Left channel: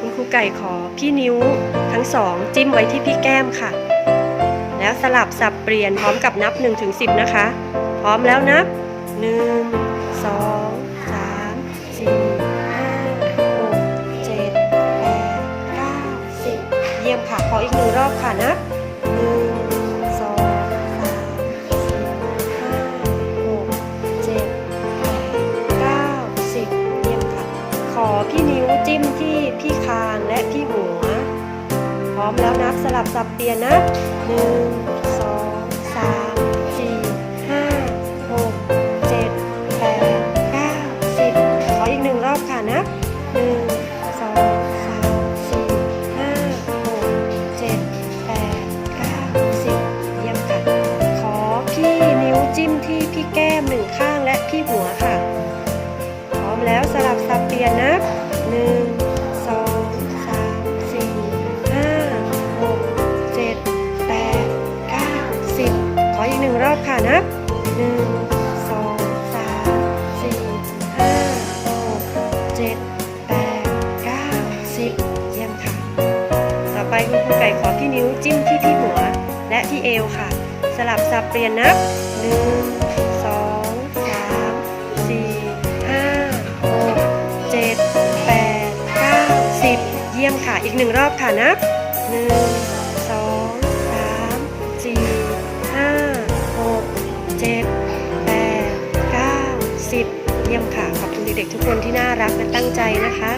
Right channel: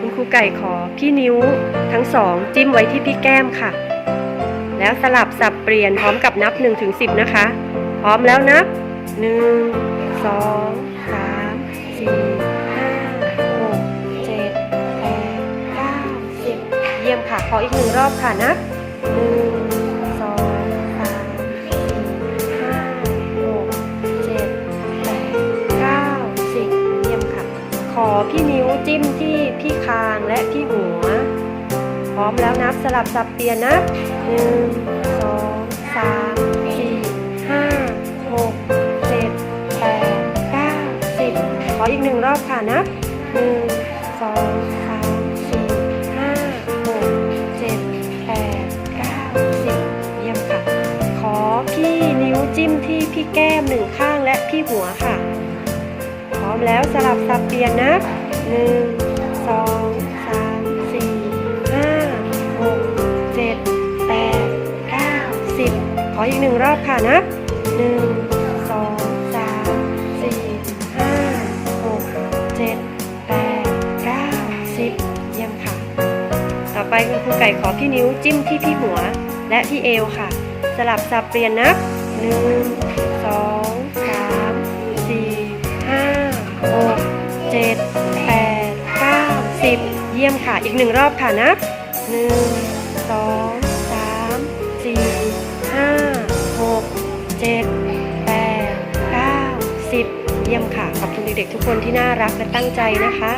คุณครูไก่ขอพี่นิ้วทั้งสองจิ้มไว้ที่พี่แก้มค่ะ แล้วสลับสับเปลี่ยนพร้อมกับนับ1ถึง10นะคะ พร้อมแล้วนับ 1 2 3 4 5 6 7 8 9 10 เยี่ยมค่ะ ขออีกหนึ่งรอบค่ะนับ 1 ขอพี่นิ้วจิ้มที่พี่คางและที่หัว พร้อมแล้วนับสลับสับเปลี่ยนนับ1 2 3 4 5 6 7 8 9 10ขออีกหนึ่งรอบค่ะนับ1 2 3 4 5 6 7 8 9 10เยี่ยมค่ะ ขอพี่นิ้วจิ้มที่พี่แก้มหนึ่งข้างและพี่หัวค่ะ ร้อมแล้วสลับสับเปลี่ยนนับ 1 2 3 4 5 6 7 8 9 10 ขออีกหนึ่งรอบค่ะนับ 1 2 3 4 5 6 7 8 9 10เยี่ยมค่ะ ต่อไปคุณครูไก่ขอพี่นิ้วจิ้มที่พี่หัว และที่เอวค่ะ สลับสับเปลี่ยนนับ 1 6 7 8 9 10เยี่ยมค่ะ อีกหนึ่งรอบค่ะนับ1 2 3 4 5 6 7 8 9 10เยี่ยมค่ะ ขอบคุณเด็กๆทุกคนที่น่ารักและตั้งใจนะคะ